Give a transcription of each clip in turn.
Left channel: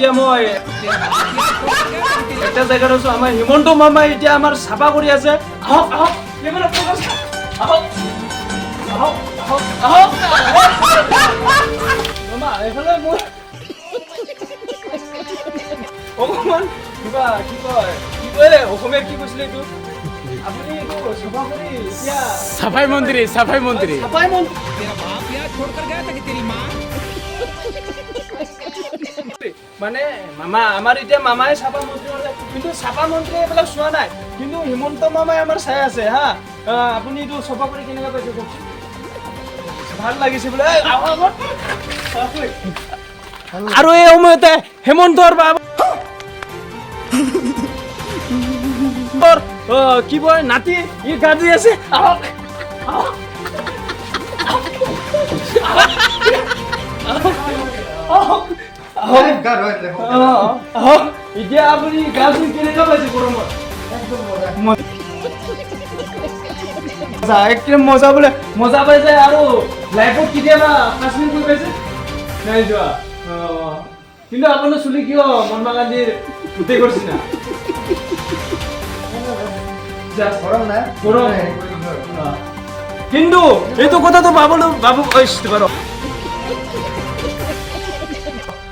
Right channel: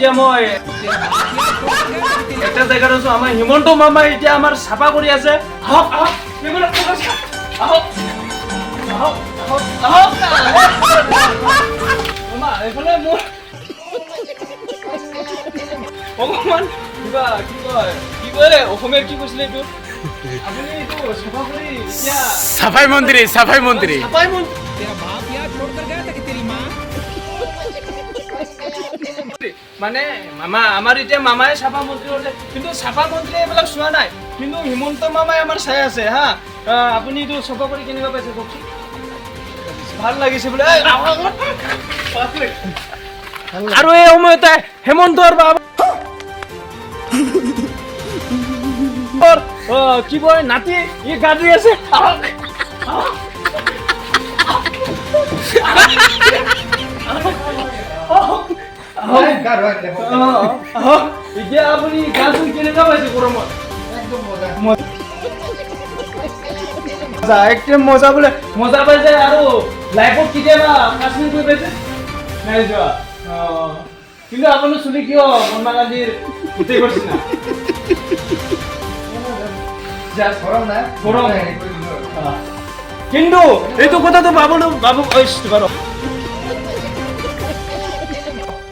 এতিয়া মই এটা জেগাত আছো। আমাৰ হিমন্ত মামাই এতিয়া আমাৰ চাফা কৰি আছে। আহক আহক এইবিলাক আহক আহক আহক মামা এইফালে মোৰ অকমান কিবা কি কয় অসমীয়াত কি কৈছিলে এইটো আপুনি এইটো চাফা কৰি এতিয়া সাফাই মন্ত্ৰী চাফাই মন্ত্ৰী तेरा बाप यहाँ छोड़कर गया था कि तेरी माँ মানে মামা আমাৰ এতিয়া মামাই চাফা মন্ত্ৰী আছে, কিন্তু চাফা মন্ত্ৰী এইবিলাক চোৱা নাই, কিন্তু হিমন্ত মামাই আমাৰ চাই আছে হা। আপুনি এইটো চাফা কৰি কেনেকুৱা পাইছে কওকচোন? ভাল লাগিছে বোলে। আৰু এই সময়তে হেমন্তৰ বাবা কি কয় নাতি ই গা ধুই আছে। আহক আহক এতিয়া আপুনি গা ধুই কেনেকুৱা পাইছে গৰমত? একদম মজা বোলে, মজা পাইছে। আৰু লাইফত কেতিয়াবা কাশ্মীৰ গৈ পাইছে নাই যোৱা? কিন্তু আপোনাৰ চুলি কিয় মহাত্মা গান্ধীৰ গোটেই কৰিছে না? গৰম কিন্তু এইটো কথাটো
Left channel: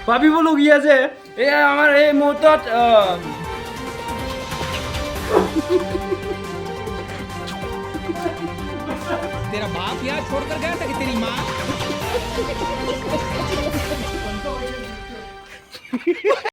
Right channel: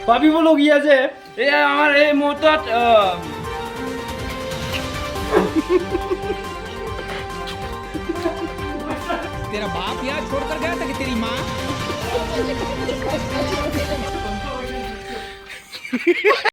ভাবিবলগীয়া যে এয়া আমাৰ এই মুহূৰ্তত तेरा बाप यहाँ छोड़कर गया था कि तेरी माँ